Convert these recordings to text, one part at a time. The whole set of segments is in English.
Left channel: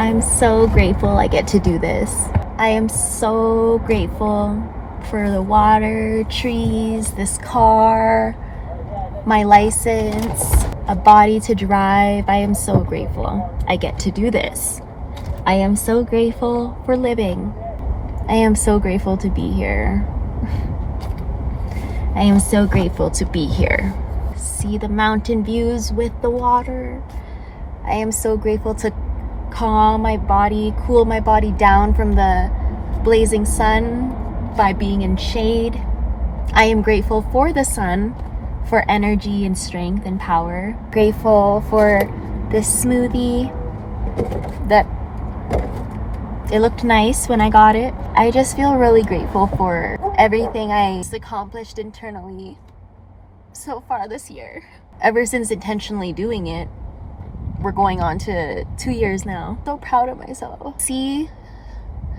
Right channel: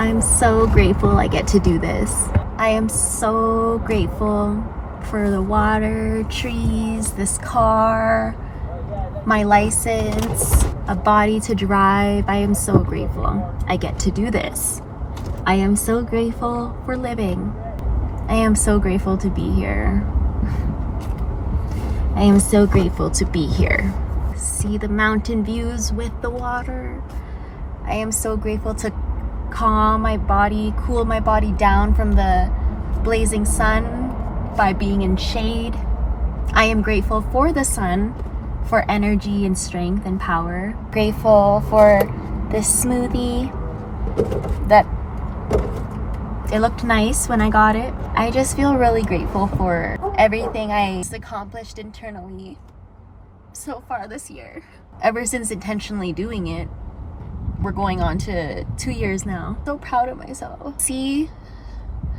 I'm so grateful I get to do this. I am so grateful for the water, trees, this car, my license, a body to drive. I am so grateful I get to do this. I am so grateful for living. I am so grateful to be here. I am so grateful to be here. See the mountain views with the water. I am so grateful to calm my body, cool my body down from the blazing sun by being in shade. I am grateful for the sun, for energy and strength and power. Grateful for this smoothie that it looked nice when I got it. I just feel really grateful for everything I accomplished internally so far this year. Ever since intentionally doing it, we're going on to 2 years now. So proud of myself. See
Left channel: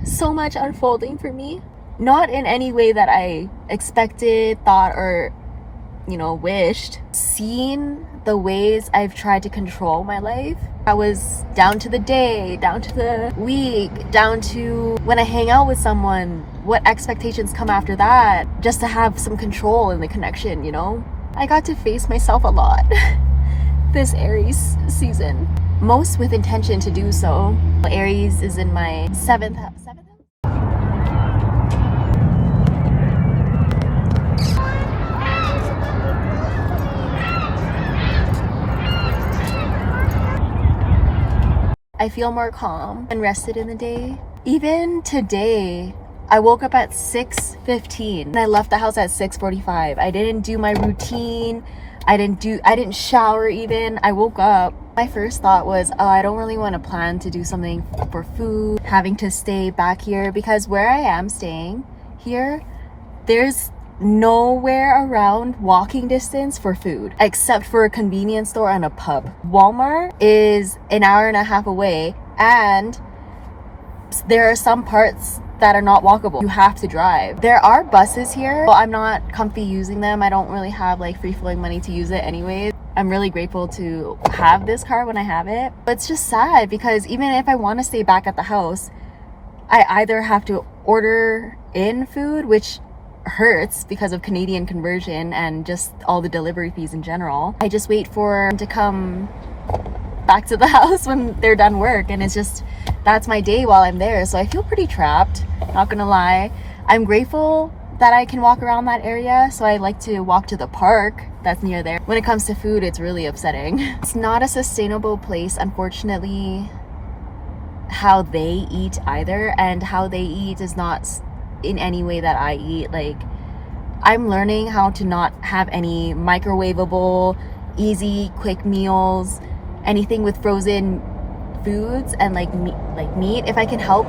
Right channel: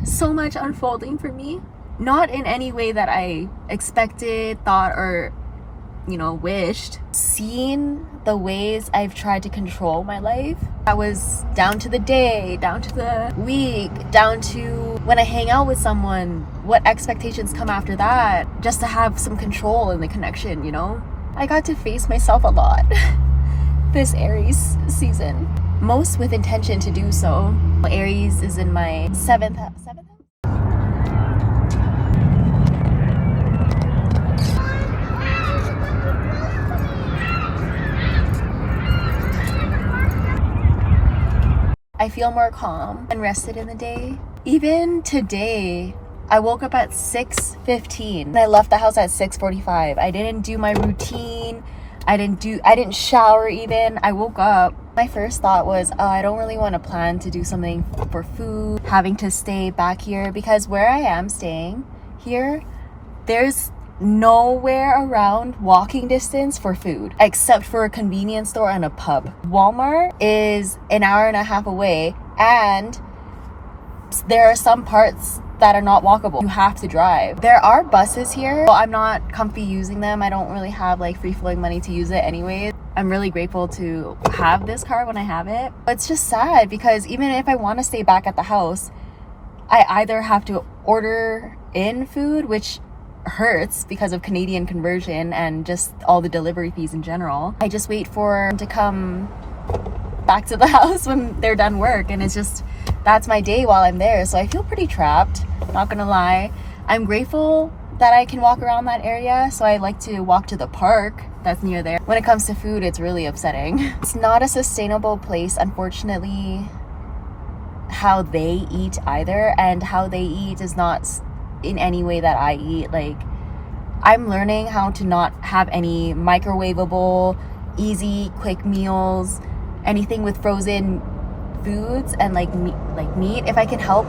so much unfolding for me. Not in any way that I expected, thought, or wished. Seeing the ways I've tried to control my life. I was down to the day, down to the week, down to when I hang out with someone, what expectations come after that, just to have some control in the connection, I got to face myself a lot this Aries season, most with intention to do so. Aries is in my seventh house. I feel more calm and rested in the day. Even today, I woke up at 6:15 and I left the house at 6:45. I didn't do my routine. I didn't shower even. I woke up. My first thought was, I don't really want to plan to do something for food, having to stay back here, because where I am staying here, there's nowhere around walking distance for food except for a convenience store and a pub. Walmart is an hour and a half away, and there are some parts that are not walkable. You have to drive. There are buses here, but I'm not comfy using them. I don't really have free flowing money to use it anyways. I'm really grateful to have this car when I have it. It's just sad because even if I want to stay back at the house, I either have to order in food, which hurts because of Canadian conversion and just all the delivery fees in general. I just wait for them to come back to the house when they're done work, and that's my day while I'm there. So I feel pretty trapped, not gonna lie. I'm grateful that I can walk around that area, so I like to walk to the park that's near there. When it comes to food, it's really upsetting. It's not a sustainable place, unfortunately, how they eat either, and how they eat is not in any way that I eat. I'm learning how to not have any microwavable, easy, quick meals, anything with frozen foods and meat. If I can help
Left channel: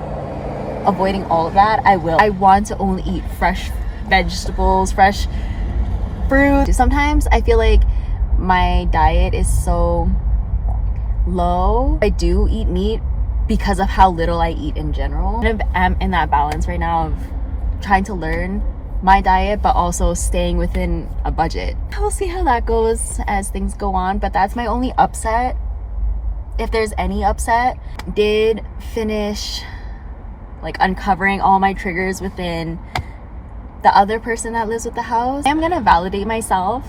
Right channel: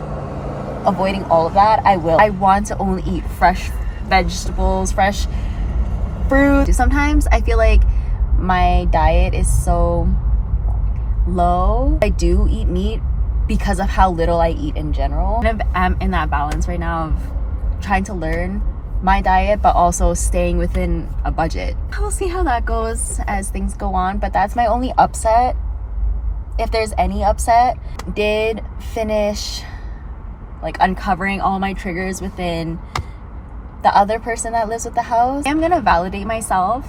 avoiding all of that, I will. I want to only eat fresh vegetables, fresh fruit. Sometimes I feel like my diet is so low. I do eat meat because of how little I eat in general. I'm in that balance right now of trying to learn my diet but also staying within a budget. We'll see how that goes as things go on, but that's my only upset, if there's any upset. Did finish uncovering all my triggers within the other person that lives with the house. I'm gonna validate myself,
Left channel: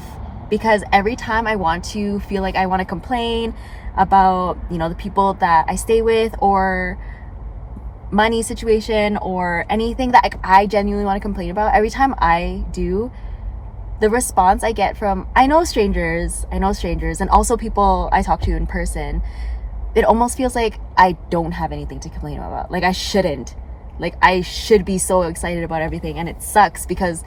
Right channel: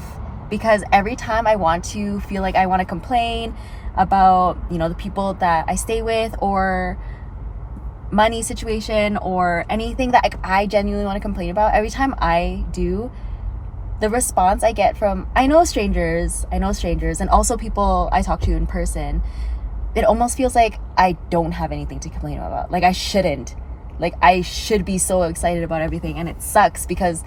because every time I want to feel like I want to complain about the people that I stay with, or money situation, or anything that I genuinely want to complain about, every time I do, the response I get from I know strangers and also people I talk to in person, it almost feels like I don't have anything to complain about. I shouldn't. I should be so excited about everything, and it sucks because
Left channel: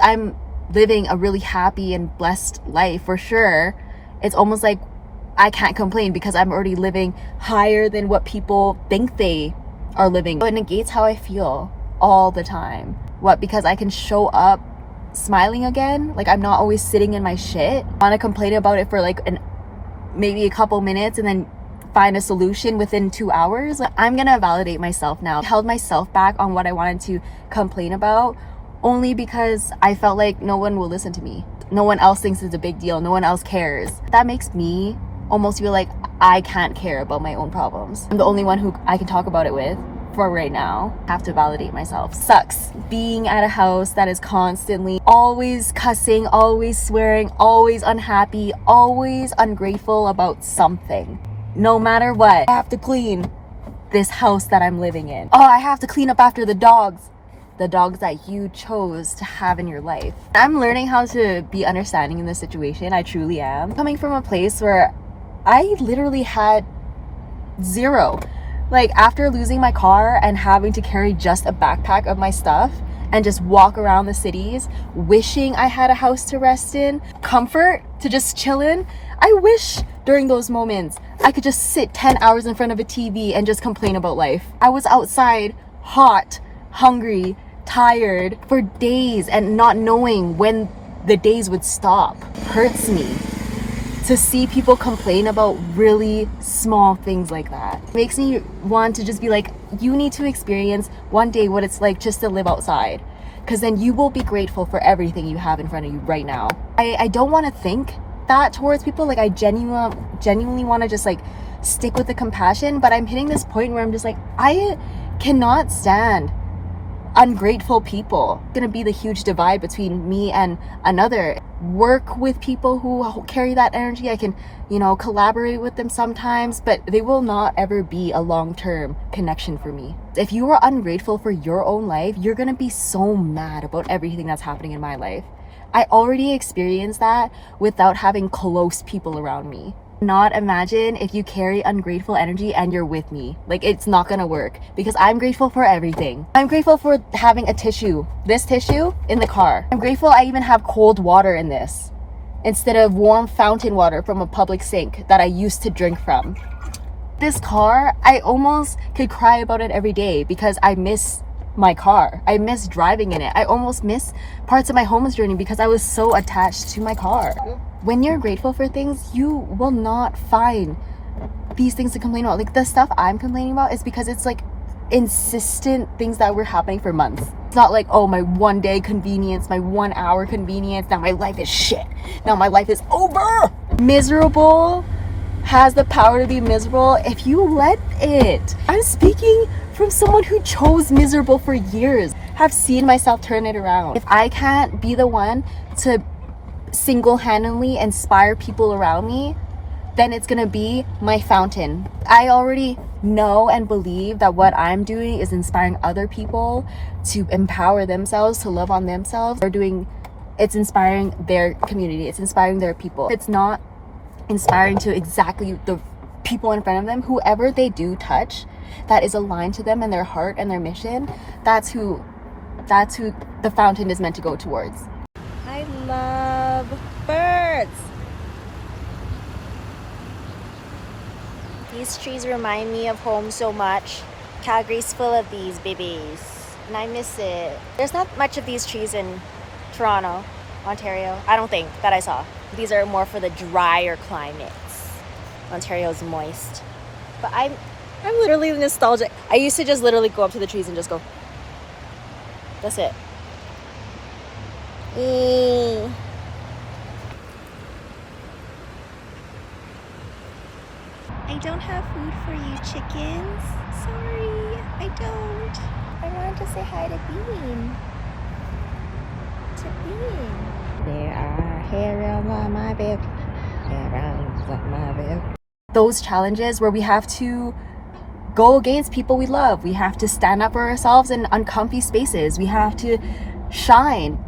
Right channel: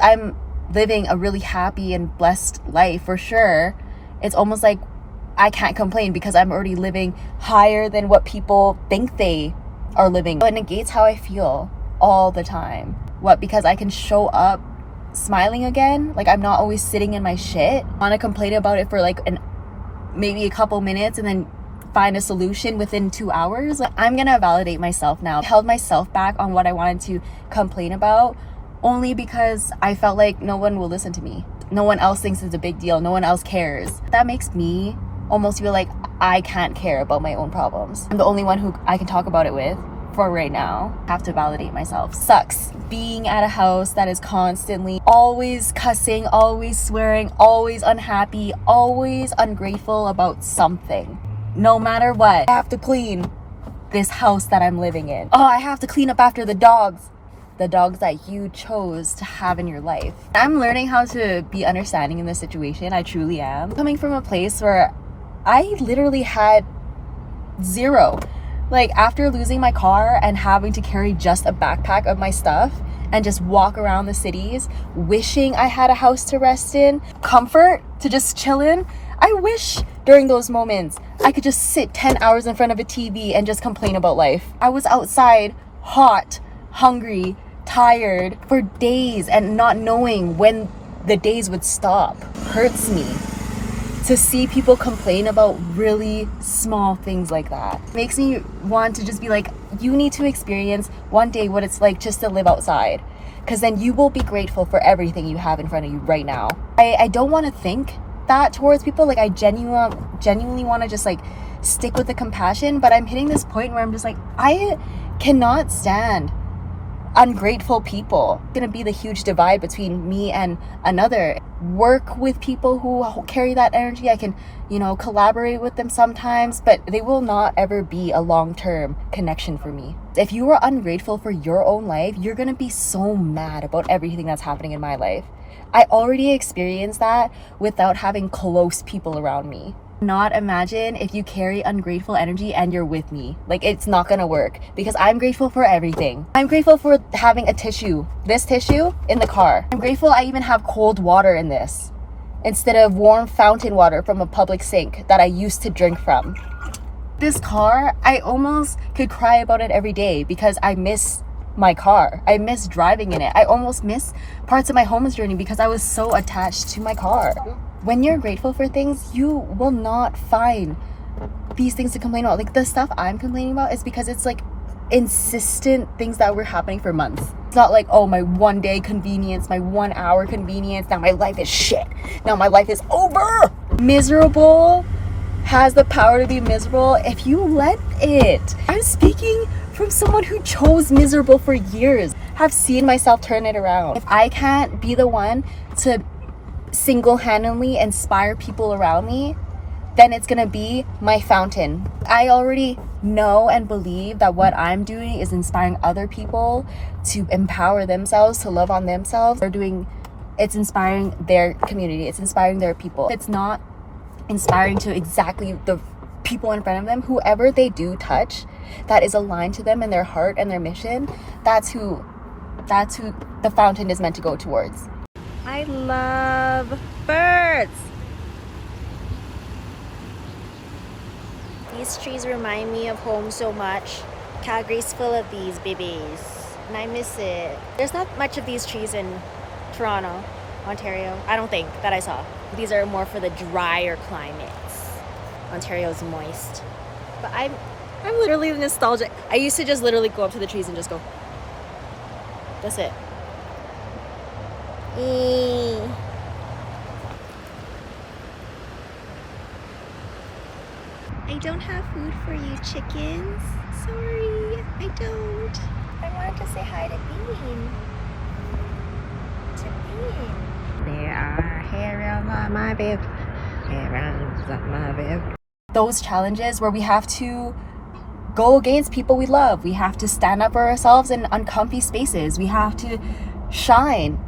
I'm living a really happy and blessed life for sure. It's almost like I can't complain because I'm already living higher than what people think they are living. But it negates how I feel all the time. Because I can show up smiling again. I'm not always sitting in my shit. I want to complain about it for maybe a couple minutes and then find a solution within 2 hours. I'm gonna validate myself now. I held myself back on what I wanted to complain about only because I felt like no one will listen to me. No one else thinks it's a big deal. No one else cares. That makes me almost feel like I can't care about my own problems. I'm the only one who I can talk about it with for right now. I have to validate myself. Sucks being at a house that is constantly always cussing, always swearing, always unhappy, always ungrateful about something. No matter what, I have to clean this house that I'm living in. Oh, I have to clean up after the dogs that you chose to have in your life. I'm learning how to be understanding in this situation. I truly am. Coming from a place where I literally had zero. Like, after losing my car and having to carry just a backpack of my stuff and just walk around the cities, wishing I had a house to rest in, comfort to just chill in, I wish during those moments I could just sit 10 hours in front of a TV and just complain about life. I was outside, hot, hungry, tired for days, and not knowing when the days would stop hurts me. To see people complain about really small things like that makes me want to just be like, you need to experience one day what it's like just to live outside, because then you will be grateful for everything you have in front of you right now. I don't want to think that towards people. Like, I genuinely want to just like stick with the compassion, but I'm hitting this point where I'm just like, I cannot stand ungrateful people. It's gonna be the huge divide between me and another. Work with people who carry that energy. I can, collaborate with them sometimes, but they will not ever be a long-term connection for me. If you are ungrateful for your own life, you're gonna be so mad about everything that's happening in my life. I already experienced that without having close people around me. Not imagine if you carry ungrateful energy and you're with me. Like, it's not gonna work, because I'm grateful for everything. I'm grateful for having a tissue, this tissue in the car. I'm grateful I even have cold water in this instead of warm fountain water from a public sink that I used to drink from. This car, I almost could cry about it every day because I miss my car. I miss driving in it. I almost miss parts of my homeless journey because I was so attached to my car. When you're grateful for things, you will not find these things to complain about. Like, the stuff I'm complaining about is because it's like insistent things that were happening for months. It's not like, oh, my 1 day convenience, my 1 hour convenience, now my life is shit, now my life is over. Miserable has the power to be miserable if you let it. I'm speaking from someone who chose miserable for years. Have seen myself turn it around. If I can't be the one to single-handedly inspire people around me, then it's gonna be my fountain. I already know and believe that what I'm doing is inspiring other people to empower themselves, to love on themselves. It's inspiring their community, it's inspiring their people. It's not inspiring to exactly the people in front of them. Whoever they do touch that is aligned to them and their heart and their mission, that's who the fountain is meant to go towards. I love birds. These trees remind me of home so much. Calgary's full of these babies, and I miss it. There's not much of these trees in Toronto, Ontario. I don't think that I saw. These are more for the drier climates. Ontario's moist. But I'm literally nostalgic. I used to just literally go up to the trees and just go. That's it. I don't have food for you, chickens. Sorry, I don't. I wanted to say hi to Bean. There are hairs on my bed. Hairs on my bed. Those challenges where we have to go against people we love. We have to stand up for ourselves in uncomfy spaces. We have to shine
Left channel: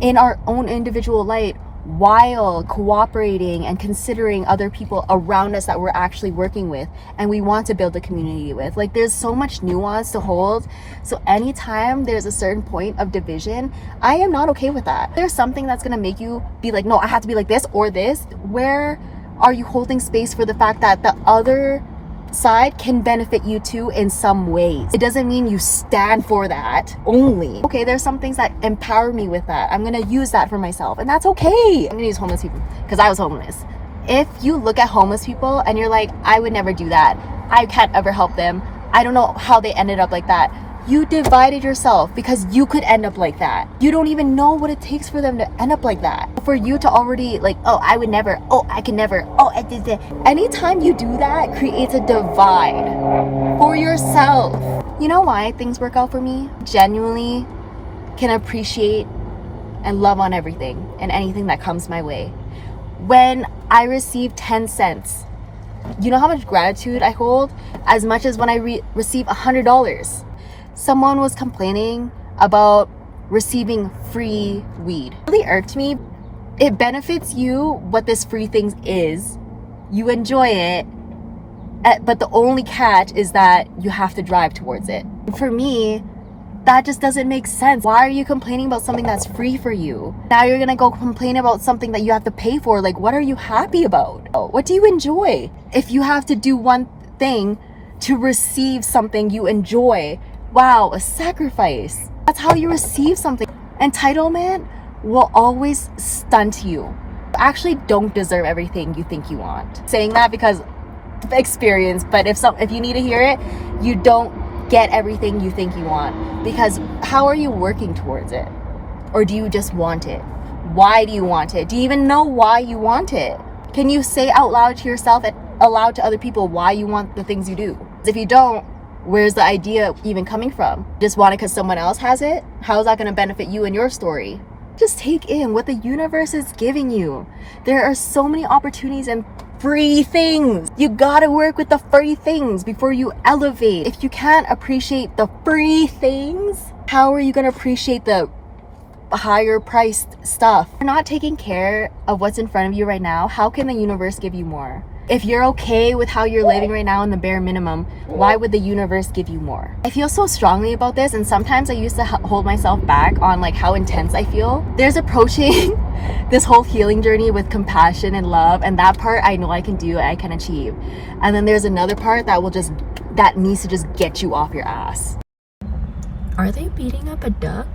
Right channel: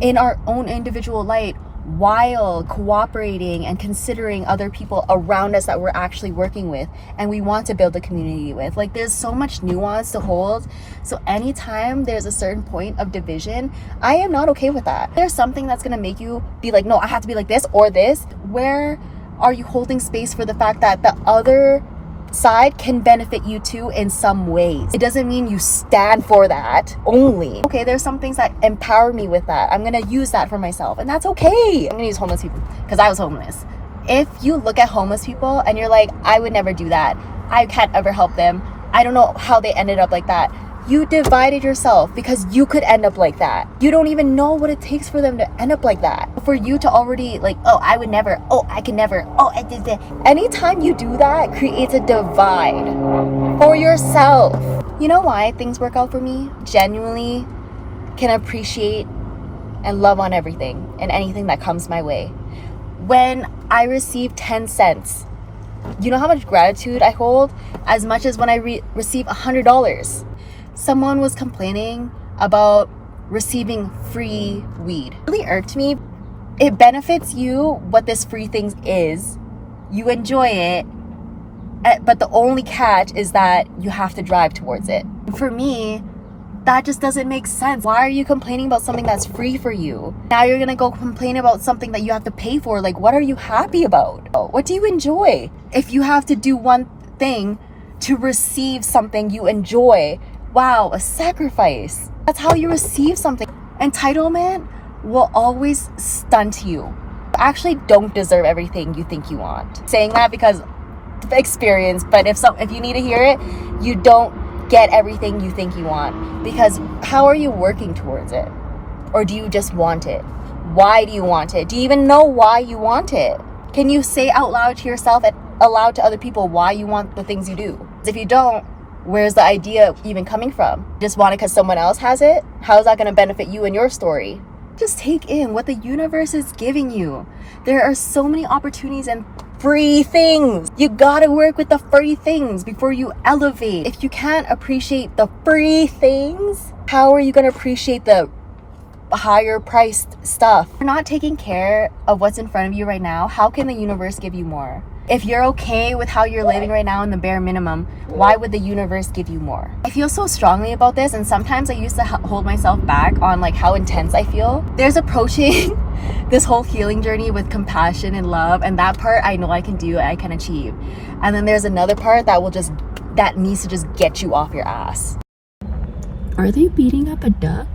in our own individual light while cooperating and considering other people around us that we're actually working with and we want to build a community with. Like, there's so much nuance to hold. So anytime there's a certain point of division, I am not okay with that. There's something that's gonna make you be like, no, I have to be like this or this. Where are you holding space for the fact that the other side can benefit you too in some ways? It doesn't mean you stand for that only. Okay, there's some things that empower me with that. I'm gonna use that for myself, and that's okay. I'm gonna use homeless people because I was homeless. If you look at homeless people and you're like, I would never do that, I can't ever help them, I don't know how they ended up like that, You divided yourself because you could end up like that. You don't even know what it takes for them to end up like that. For you to already like, oh, I would never, oh, I can never, oh, I did that. Anytime you do that, creates a divide for yourself. You know why things work out for me? Genuinely can appreciate and love on everything and anything that comes my way. When I receive 10 cents, you know how much gratitude I hold? As much as when I receive $100. Someone was complaining about receiving free weed. It really irked me. It benefits you what this free thing is. You enjoy it, but the only catch is that you have to drive towards it. For me, that just doesn't make sense. Why are you complaining about something that's free for you? Now you're gonna go complain about something that you have to pay for. Like, what are you happy about? What do you enjoy? If you have to do one thing to receive something you enjoy, wow, a sacrifice. That's how you receive something. Entitlement will always stunt you. You actually don't deserve everything you think you want. Saying that because of experience, but if you need to hear it, you don't get everything you think you want. Because how are you working towards it? Or do you just want it? Why do you want it? Do you even know why you want it? Can you say out loud to yourself and aloud to other people why you want the things you do? If you don't, where's the idea even coming from? Just want it because someone else has it? How is that going to benefit you and your story? Just take in what the universe is giving you. There are so many opportunities and free things. You gotta work with the free things before you elevate. If you can't appreciate the free things, how are you going to appreciate the higher priced stuff? If you're not taking care of what's in front of you right now, how can the universe give you more? If you're okay with how you're living right now in the bare minimum, why would the universe give you more? I feel so strongly about this, and sometimes I used to hold myself back on like how intense I feel. There's approaching this whole healing journey with compassion and love, and that part I know I can do and I can achieve. And then there's another part that needs to just get you off your ass. Are they beating up a duck?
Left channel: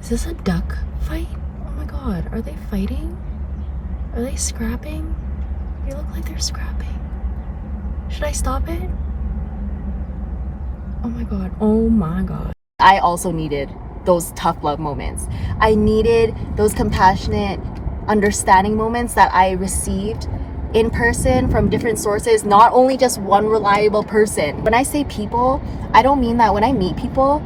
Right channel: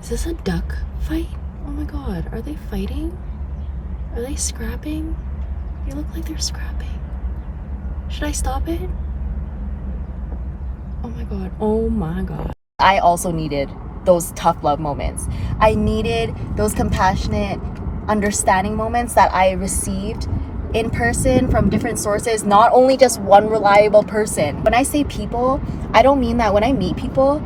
Is this a duck fight? Oh my god, are they fighting? Are they scrapping? They look like they're scrapping. Should I stop it? Oh my god, oh my god. I also needed those tough love moments. I needed those compassionate, understanding moments that I received in person from different sources, not only just one reliable person. When I say people, I don't mean that when I meet people,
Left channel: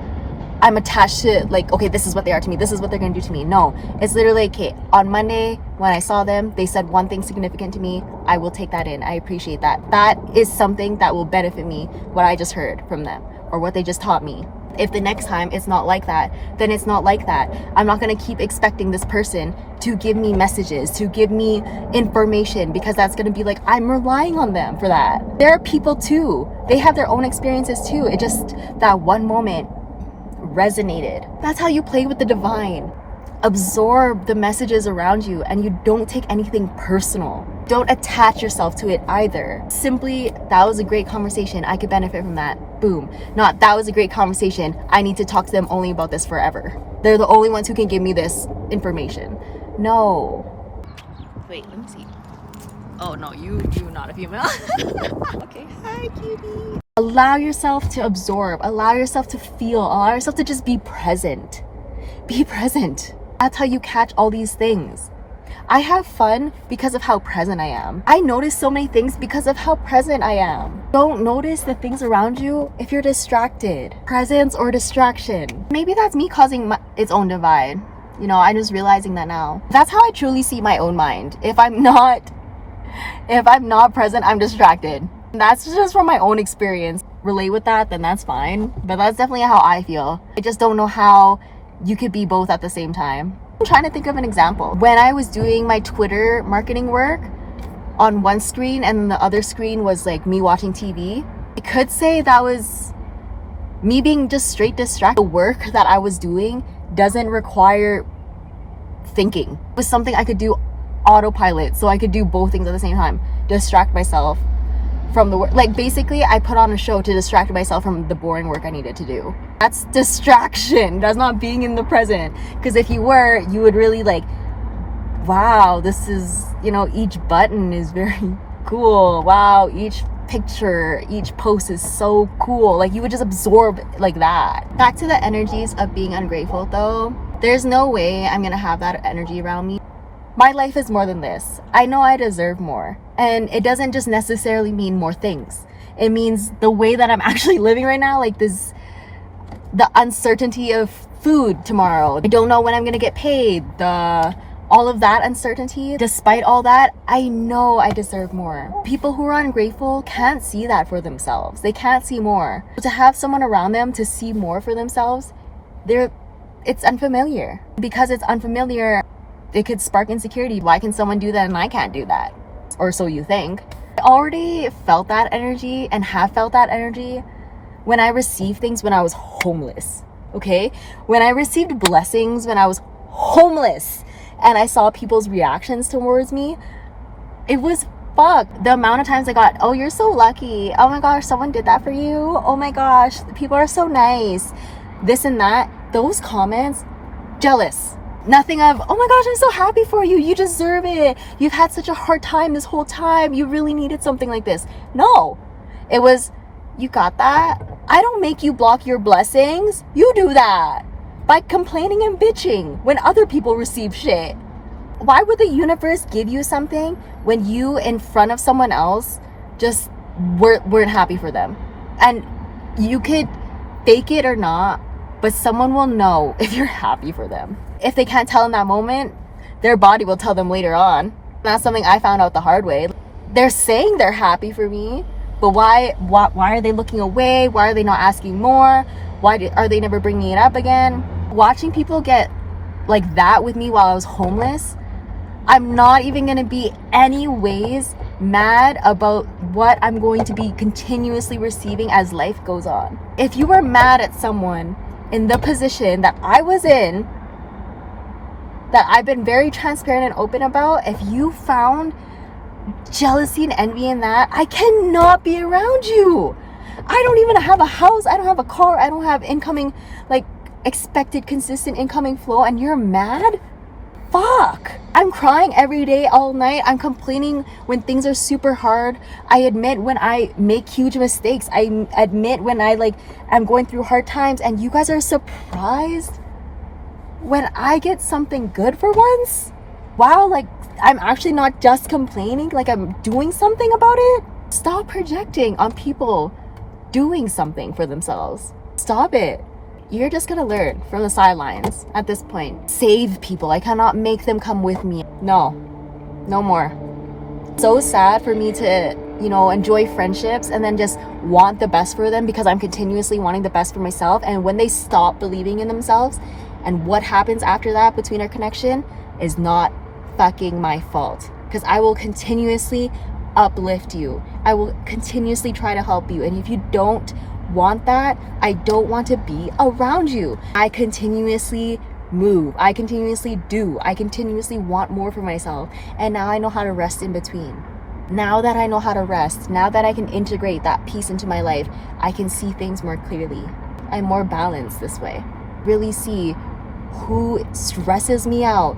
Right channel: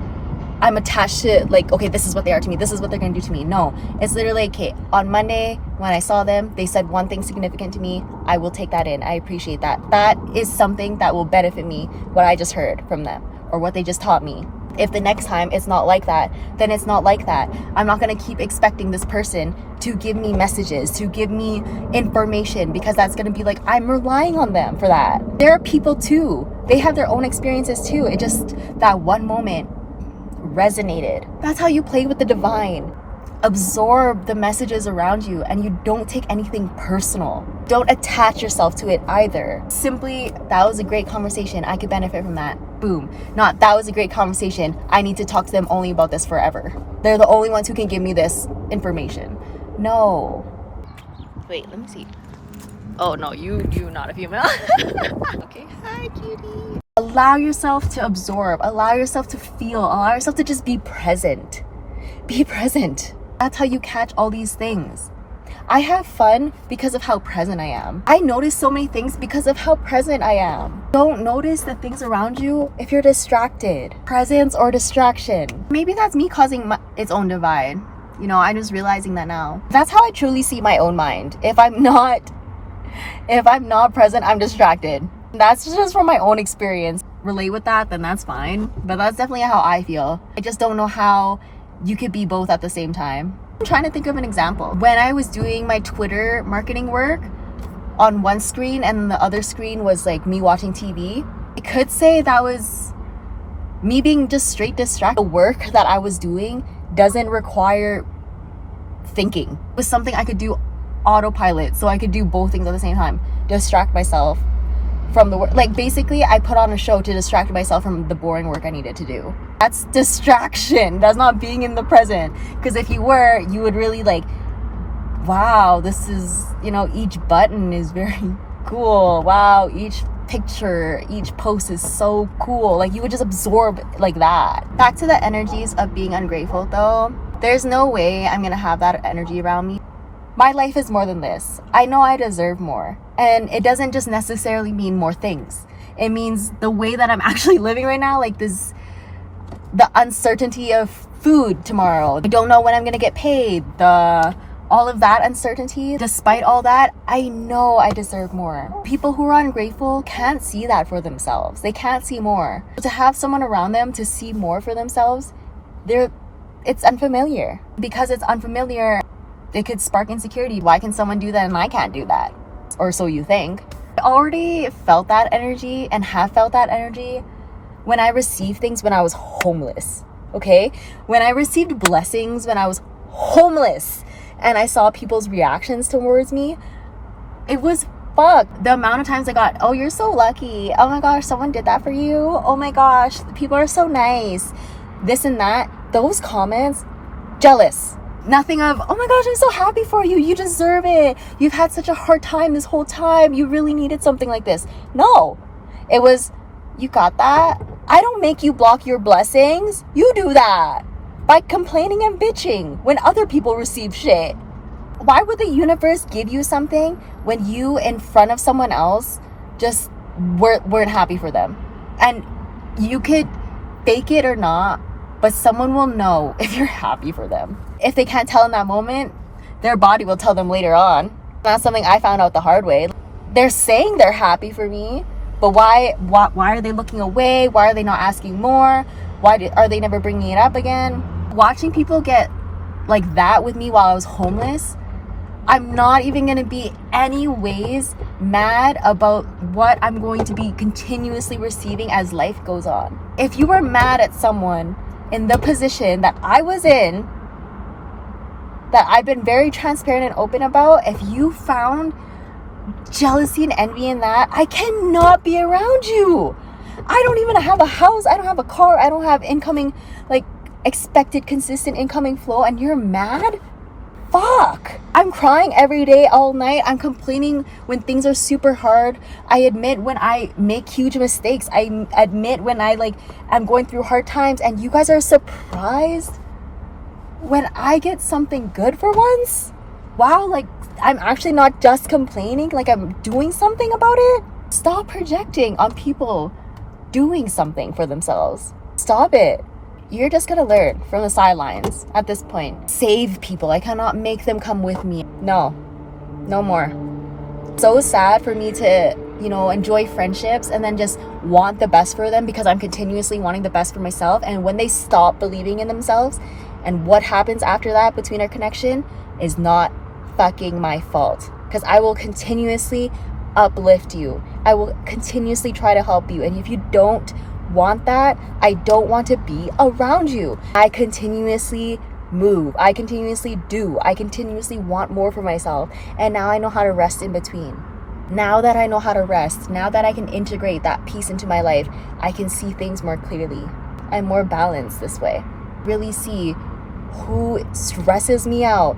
I'm attached to like, okay, this is what they are to me, this is what they're gonna do to me. No, it's literally, okay, on Monday when I saw them, they said one thing significant to me. I will take that in. I appreciate that. That is something that will benefit me, what I just heard from them or what they just taught me. If the next time it's not like that, then it's not like that. I'm not gonna keep expecting this person to give me messages, to give me information, because that's gonna be like, I'm relying on them for that. There are people too. They have their own experiences too. It just, that one moment resonated. That's how you play with the divine. Absorb the messages around you, and you don't take anything personal. Don't attach yourself to it either. Simply, that was a great conversation, I could benefit from that. Boom. Not, that was a great conversation, I need to talk to them only about this forever. They're the only ones who can give me this information. No. Wait, let me see. Oh no, you not a female. Okay, hi cutie. Allow yourself to absorb, allow yourself to feel, allow yourself to just be present. Be present. That's how you catch all these things. I have fun because of how present I am. I notice so many things because of how present I am. Don't notice the things around you if you're distracted. Presence or distraction. Maybe that's me causing its own divide. You know, I'm just realizing that now. That's how I truly see my own mind. If I'm not present, I'm distracted. That's just from my own experience. Relate with that, then that's fine. But that's definitely how I feel. I just don't know how you could be both at the same time. I'm trying to think of an example. When I was doing my Twitter marketing work, on one screen and the other screen was like me watching TV, I could say that was me being just straight distracted. The work that I was doing doesn't require thinking. It was something I could do autopilot, so I could do both things at the same time. Distract myself from the work. Like basically I put on a show to distract myself from the boring work I needed to do. That's distraction. That's not being in the present. Because if you were, you would really like, wow, this is, you know, each button is very cool. Wow, each picture, each post is so cool. Like, you would just absorb like that. Back to the energies of being ungrateful though. There's no way I'm gonna have that energy around me. My life is more than this. I know I deserve more. And it doesn't just necessarily mean more things. It means the way that I'm actually living right now, like the uncertainty of food tomorrow. I don't know when I'm gonna get paid. All of that uncertainty. Despite all that, I know I deserve more. People who are ungrateful can't see that for themselves. They can't see more. To have someone around them to see more for themselves, it's unfamiliar. Because it's unfamiliar, it could spark insecurity. Why can someone do that and I can't do that? Or so you think. I already felt that energy and have felt that energy when I received things when I was homeless. Okay? When I received blessings when I was homeless and I saw people's reactions towards me, it was fuck. The amount of times I got, oh, you're so lucky. Oh my gosh, someone did that for you. Oh my gosh, people are so nice. This and that. Those comments, jealous. Nothing of, oh my gosh, I'm so happy for you. You deserve it. You've had such a hard time this whole time. You really needed something like this. No, it was, you got that. I don't make you block your blessings. You do that by complaining and bitching when other people receive shit. Why would the universe give you something when you in front of someone else just weren't happy for them? And you could fake it or not, but someone will know if you're happy for them. If they can't tell in that moment, their body will tell them later on. That's something I found out the hard way. They're saying they're happy for me, but why are they looking away? Why are they not asking more? Are they never bringing it up again? Watching people get like that with me while I was homeless, I'm not even gonna be any ways mad about what I'm going to be continuously receiving as life goes on. If you were mad at someone in the position that I was in, that I've been very transparent and open about, if you found jealousy and envy in that, I cannot be around you. I don't even have a house. I don't have a car. I don't have incoming, like, expected consistent incoming flow, and you're mad? Fuck. I'm crying every day, all night. I'm complaining when things are super hard. I admit when I make huge mistakes. I admit when I'm going through hard times, and you guys are surprised when I get something good for once. Wow, like, I'm actually not just complaining, like I'm doing something about it. Stop projecting on people doing something for themselves. Stop it. You're just gonna learn from the sidelines at this point. Save people. I cannot make them come with me. No more. So sad for me to, enjoy friendships and then just want the best for them because I'm continuously wanting the best for myself. And when they stop believing in themselves, and what happens after that between our connection is not fucking my fault, because I will continuously uplift you. I will continuously try to help you. And if you don't want that, I don't want to be around you. I continuously move. I continuously do. I continuously want more for myself. And now I know how to rest in between. Now that I know how to rest, now that I can integrate that piece into my life, I can see things more clearly. I'm more balanced this way. Really see who stresses me out,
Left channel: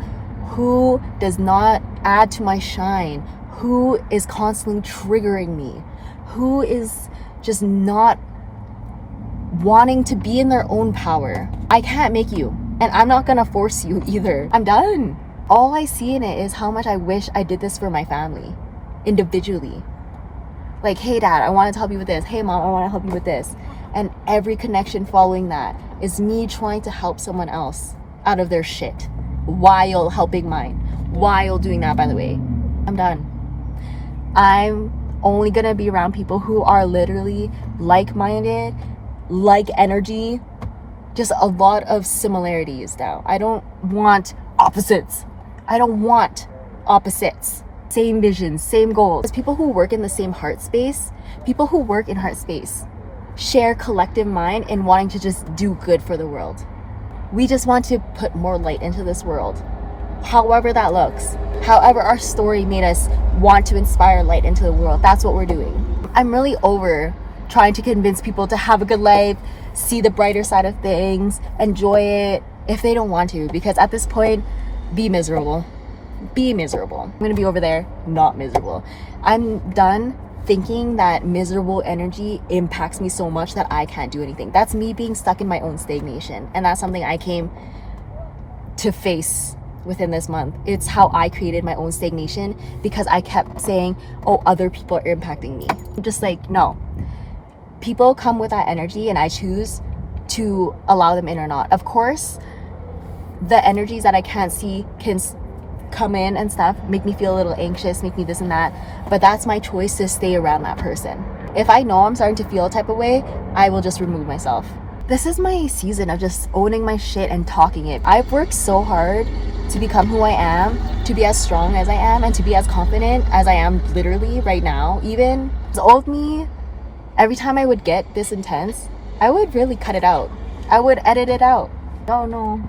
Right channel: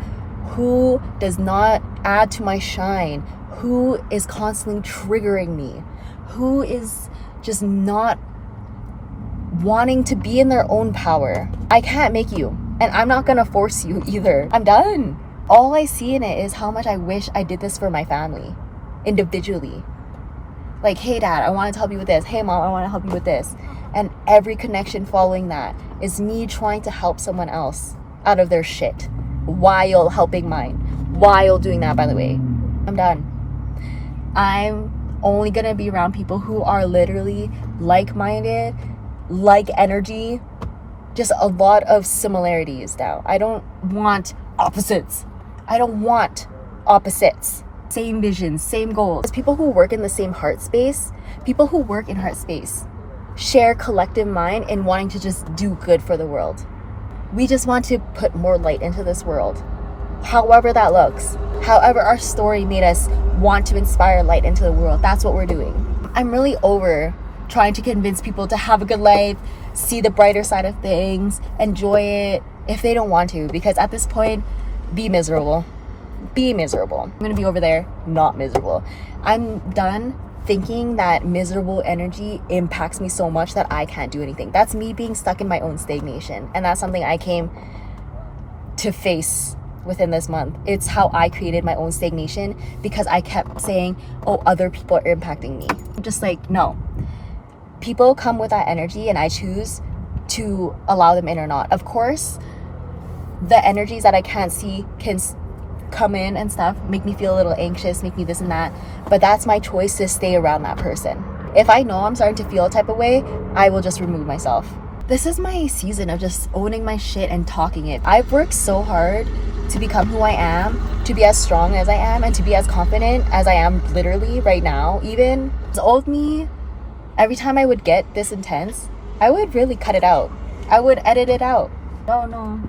who does not add to my shine, who is constantly triggering me, who is just not wanting to be in their own power. I can't make you, and I'm not gonna force you either. I'm done. All I see in it is how much I wish I did this for my family, individually. Like, hey dad, I want to help you with this. Hey mom, I want to help you with this. And every connection following that is me trying to help someone else out of their shit while helping mine, while doing that, by the way. I'm done. I'm only gonna be around people who are literally like-minded, like energy, just a lot of similarities now. I don't want opposites. Same visions, same goals. People who work in the same heart space, people who work in heart space share collective mind in wanting to just do good for the world. We just want to put more light into this world, however that looks. However our story made us want to inspire light into the world, that's what we're doing. I'm really over trying to convince people to have a good life, see the brighter side of things, enjoy it if they don't want to, because at this point, be miserable. I'm gonna be over there not miserable. I'm done thinking that miserable energy impacts me so much that I can't do anything. That's me being stuck in my own stagnation. And that's something I came to face within this month. It's how I created my own stagnation because I kept saying, oh, other people are impacting me. I'm just like, no. People come with that energy and I choose to allow them in or not. Of course, the energies that I can't see can come in and stuff, make me feel a little anxious, make me this and that, but that's my choice to stay around that person. If I know I'm starting to feel a type of way, I will just remove myself. This is my season of just owning my shit and talking it. I've worked so hard to become who I am, to be as strong as I am, and to be as confident as I am literally right now. Even the old me, every time I would get this intense, I would really cut it out. I would edit it out. Oh no,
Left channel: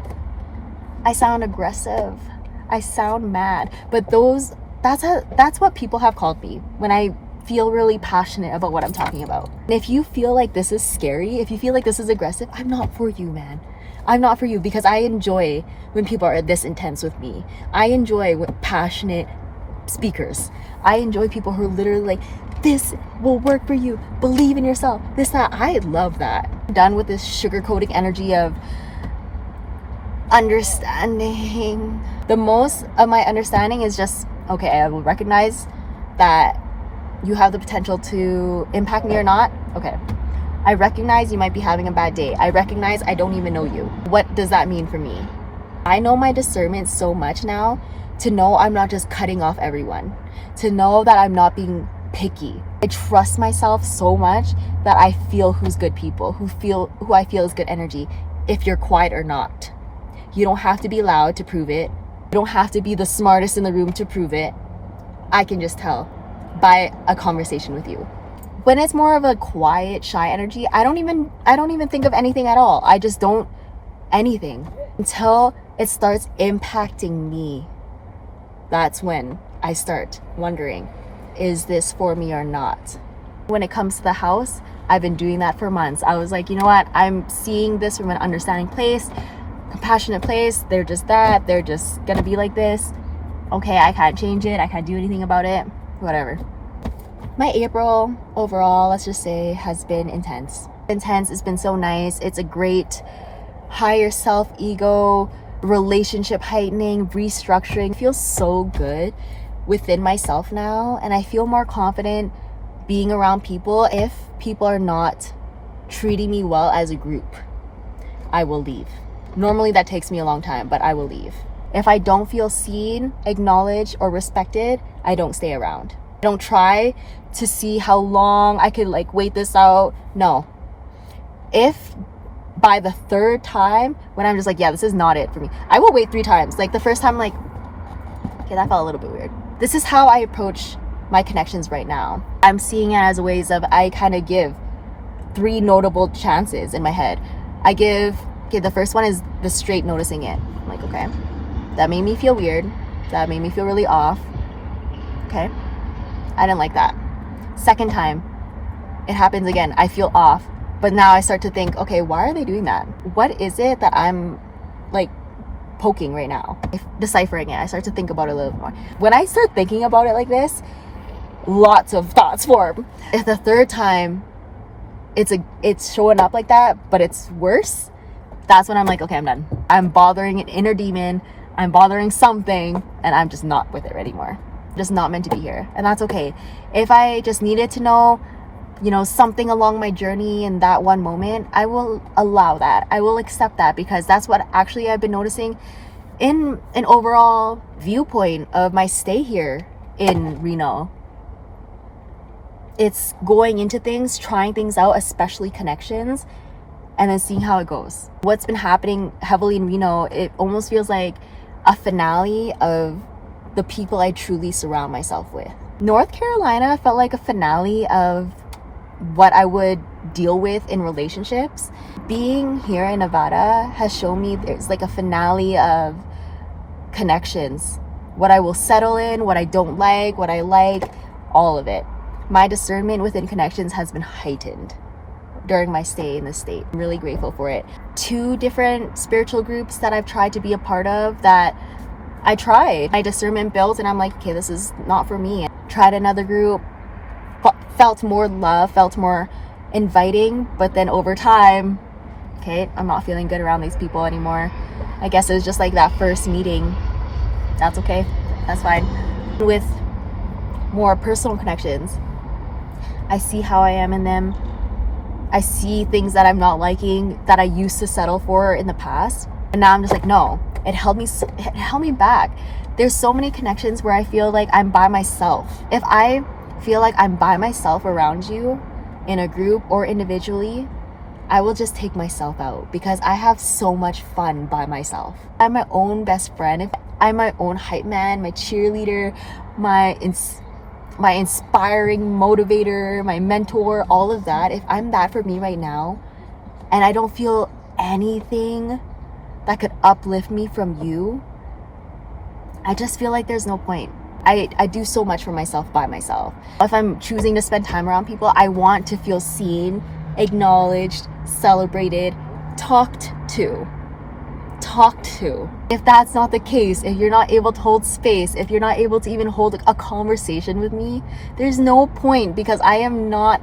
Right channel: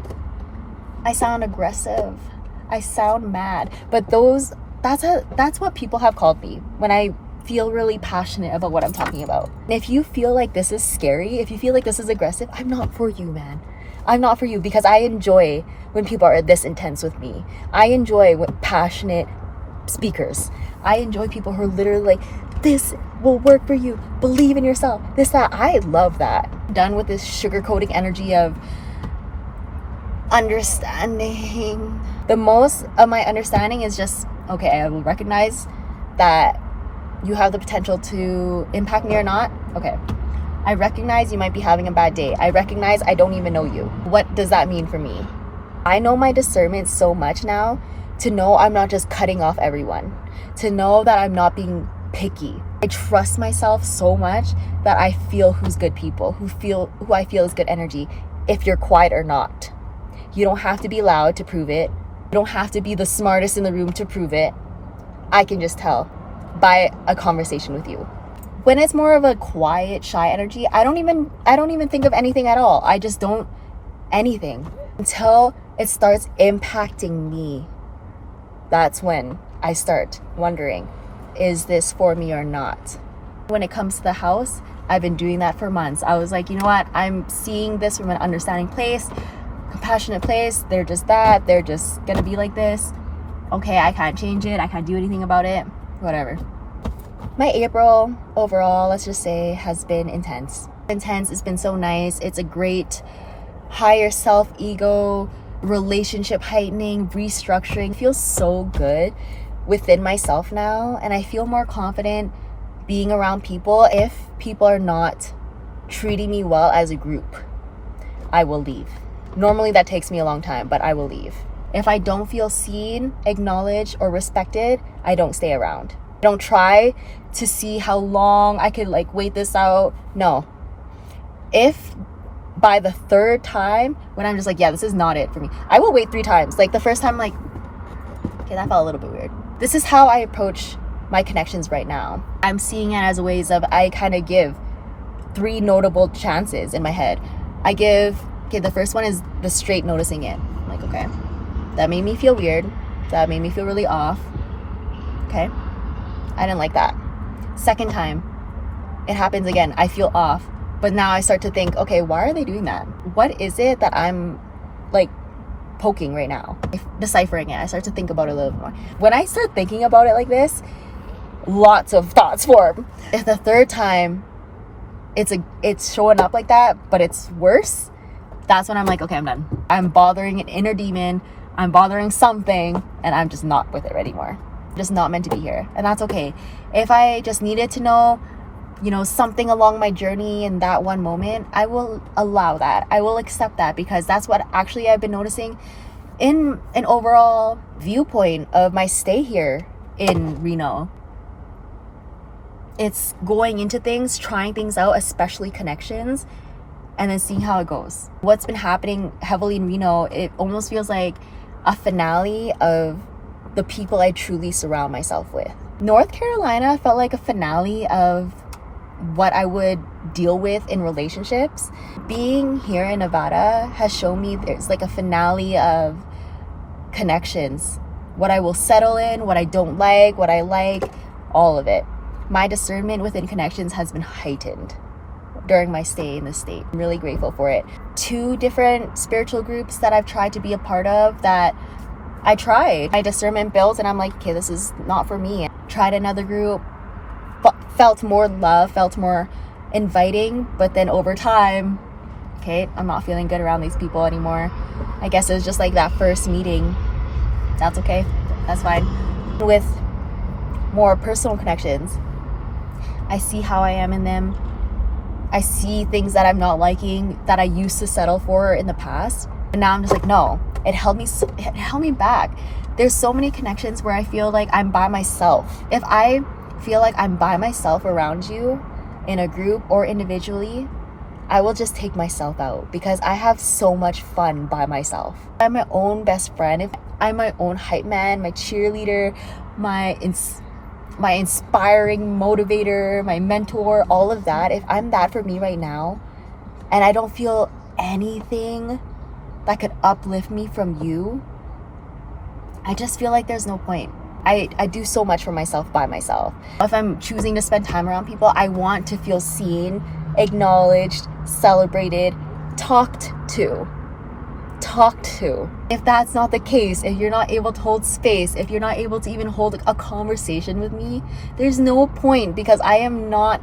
I sound aggressive. I sound mad, but that's what people have called me when I feel really passionate about what I'm talking about. And if you feel like this is scary, if you feel like this is aggressive, I'm not for you, man. I'm not for you, because I enjoy when people are this intense with me. I enjoy passionate speakers. I enjoy people who are literally like, this will work for you, believe in yourself, this, that. I love that. I'm done with this sugarcoating energy of understanding. The most of my understanding is just, okay, I will recognize that you have the potential to impact me or not. Okay, I recognize you might be having a bad day. I recognize I don't even know you. What does that mean for me? I know my discernment so much now to know I'm not just cutting off everyone, to know that I'm not being picky. I trust myself so much that I feel who's good people, who I feel is good energy, if you're quiet or not. You don't have to be loud to prove it. You don't have to be the smartest in the room to prove it. I can just tell by a conversation with you. When it's more of a quiet, shy energy, I don't even think of anything at all. I just don't anything until it starts impacting me. That's when I start wondering, is this for me or not? When it comes to the house, I've been doing that for months. I was like, you know what? I'm seeing this from an understanding place, compassionate place. They're just that. They're just gonna be like this. Okay, I can't change it. I can't do anything about it. Whatever. My April overall, let's just say, has been intense. It's been so nice. It's a great higher self ego, relationship heightening, restructuring. It feels so good within myself now, and I feel more confident being around people. If people are not treating me well as a group, I will leave. Normally that takes me a long time, but I will leave. If I don't feel seen, acknowledged, or respected, I don't stay around. I don't try to see how long I could wait this out. No. If by the third time, when I'm just like, yeah, this is not it for me, I will wait 3 times. Like the first time, like, okay, that felt a little bit weird. This is how I approach my connections right now. I'm seeing it as ways of, I kind of give 3 notable chances in my head. I give, okay, the first one is the straight noticing it. I'm like, okay, that made me feel weird. That made me feel really off. Okay, I didn't like that. Second time, it happens again. I feel off. But now I start to think, okay, why are they doing that? What is it that I'm poking right now? Deciphering it, I start to think about it a little more. When I start thinking about it like this, lots of thoughts form. If the third time it's showing up like that, but it's worse, that's when I'm like, okay, I'm done. I'm bothering an inner demon. I'm bothering something, and I'm just not with it anymore. Just not meant to be here, and that's okay. If I just needed to know, something along my journey in that one moment, I will allow that. I will accept that, because that's what actually I've been noticing in an overall viewpoint of my stay here in Reno. It's going into things, trying things out, especially connections, and then seeing how it goes. What's been happening heavily in Reno, it almost feels like a finale of the people I truly surround myself with. North Carolina felt like a finale of what I would deal with in relationships. Being here in Nevada has shown me there's a finale of connections. What I will settle in, what I don't like, what I like, all of it. My discernment within connections has been heightened during my stay in the state. I'm really grateful for it. 2 different spiritual groups that I've tried to be a part of that I tried. My discernment built and I'm like, okay, this is not for me. Tried another group, felt more love, felt more inviting. But then over time, okay, I'm not feeling good around these people anymore. I guess it was just like that first meeting. That's okay, that's fine. With more personal connections, I see how I am in them. I see things that I'm not liking that I used to settle for in the past, and now I'm just like, no, it held me back. There's so many connections where I feel like I'm by myself. If I feel like I'm by myself around you in a group or individually, I will just take myself out because I have so much fun by myself. I'm my own best friend. I'm my own hype man, my cheerleader, my inspiring motivator, my mentor, all of that. If I'm that for me right now and I don't feel anything that could uplift me from you, I just feel like there's no point. I do so much for myself by myself. If I'm choosing to spend time around people, I want to feel seen, acknowledged, celebrated, talked to. If that's not the case, if you're not able to hold space, if you're not able to even hold a conversation with me, there's no point, because I am not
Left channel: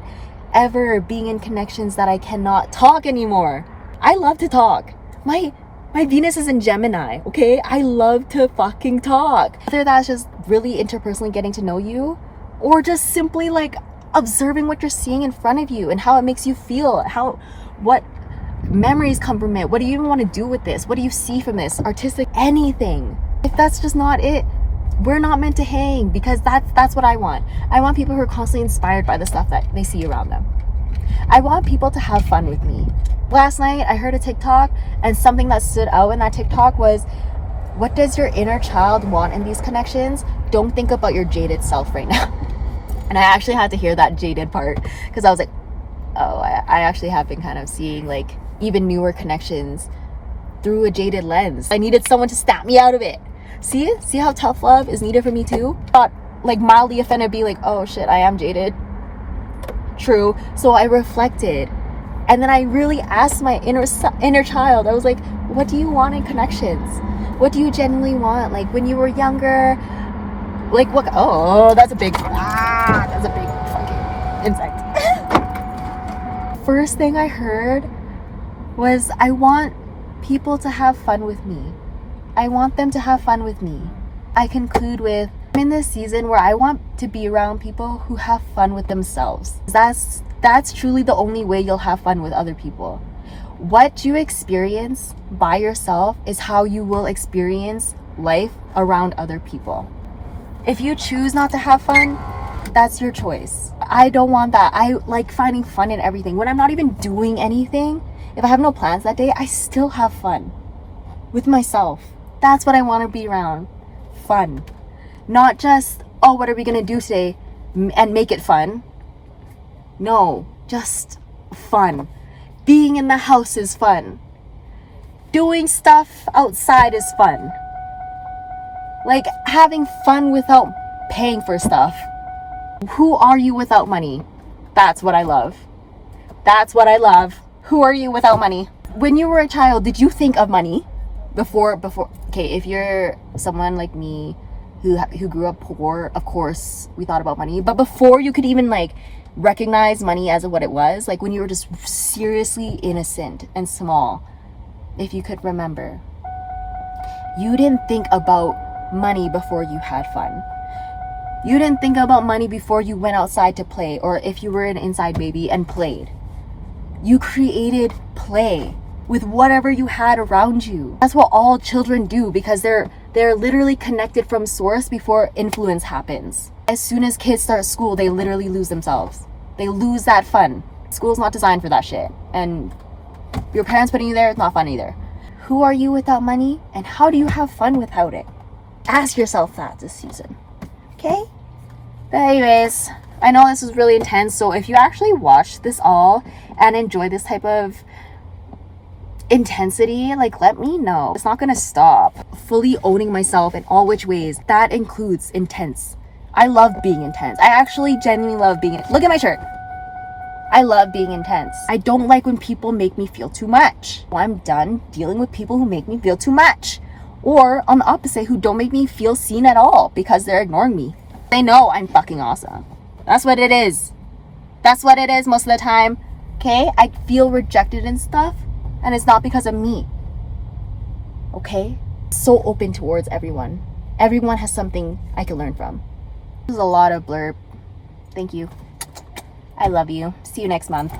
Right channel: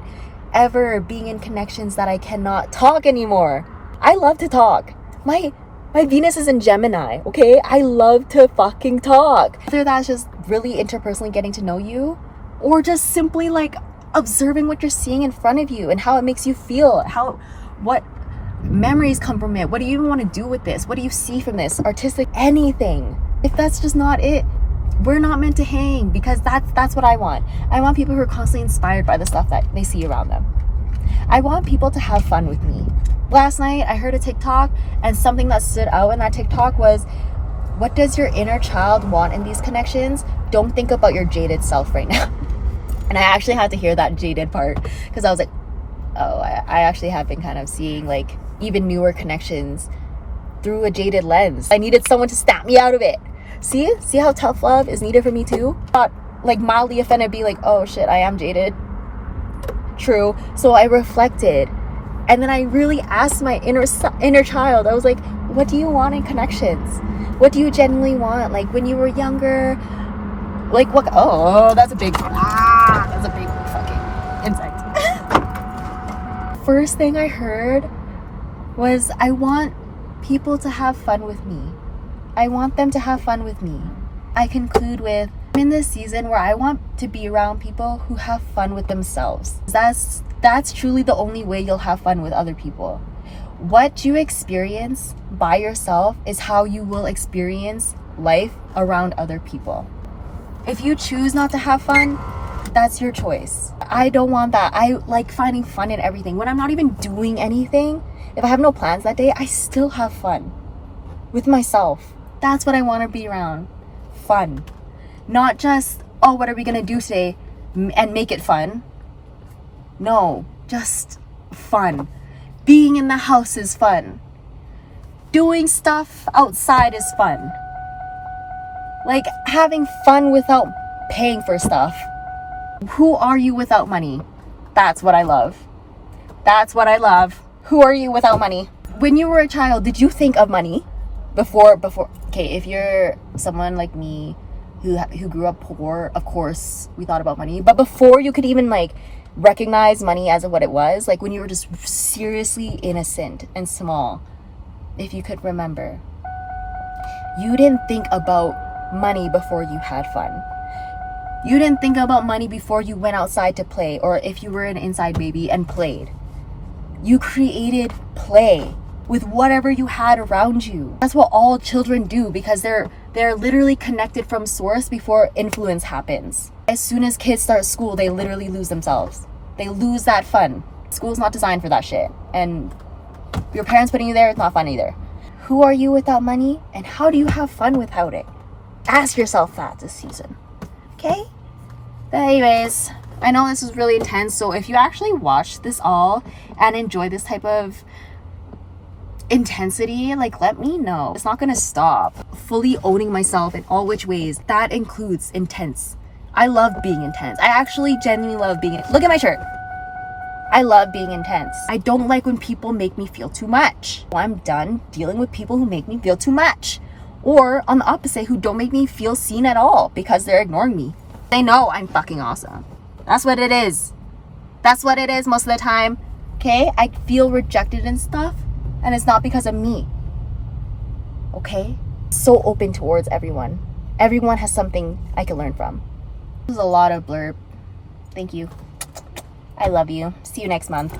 ever being in connections that I cannot talk anymore. I love to talk. My Venus is in Gemini, okay? I love to fucking talk. Whether that's just really interpersonally getting to know you, or just simply like observing what you're seeing in front of you and how it makes you feel, what memories come from it, what do you even want to do with this, what do you see from this, artistic, anything. If that's just not it, we're not meant to hang, because that's what I want. I want people who are constantly inspired by the stuff that they see around them. I want people to have fun with me. Last night I heard a TikTok, and something that stood out in that TikTok was, what does your inner child want in these connections? Don't think about your jaded self right now. And I actually had to hear that jaded part, because I was like, oh, I actually have been kind of seeing like even newer connections through a jaded lens. I needed someone to snap me out of it. See how tough love is needed for me too? Not like mildly offended, be like, oh shit, I am jaded. True. So I reflected, and then I really asked my inner child. I was like, what do you want in connections? What do you genuinely want? Like when you were younger, like what? Oh, that's a big fucking insect. First thing I heard was, I want people to have fun with me. I want them to have fun with me. I conclude with, I'm in this season where I want to be around people who have fun with themselves. That's truly the only way you'll have fun with other people. What you experience by yourself is how you will experience life around other people. If you choose not to have fun, that's your choice. I don't want that. I like finding fun in everything. When I'm not even doing anything, if I have no plans that day, I still have fun with myself. That's what I want to be around. Fun. Not just, oh, what are we going to do today and make it fun. No, just fun. Being in the house is fun. Doing stuff outside is fun. Like having fun without paying for stuff. Who are you without money? That's what I love. That's what I love. Who are you without money? When you were a child, did you think of money before? Okay, if you're someone like me who grew up poor, of course we thought about money. But before you could even like recognize money as what it was, like when you were just seriously innocent and small, if you could remember, you didn't think about money before you had fun. You didn't think about money before you went outside to play, or if you were an inside baby and played. You created play with whatever you had around you. That's what all children do, because they're literally connected from source before influence happens. As soon as kids start school, they literally lose themselves. They lose that fun. School's not designed for that shit. And your parents putting you there is not fun either. Who are you without money, and how do you have fun without it? Ask yourself that this season. Okay? But anyways, I know this was really intense, so if you actually watch this all and enjoy this type of intensity, like, let me know. It's not gonna stop. Fully owning myself in all which ways, that includes intense. I love being intense. I actually genuinely love being, look at my shirt. I love being intense. I don't like when people make me feel too much. I'm done dealing with people who make me feel too much. Or on the opposite, who don't make me feel seen at all because they're ignoring me. They know I'm fucking awesome. That's what it is. That's what it is most of the time. Okay? I feel rejected and stuff, and it's not because of me. Okay? So open towards everyone. Everyone has something I can learn from. This is a lot of blurb. Thank you. I love you. See you next month.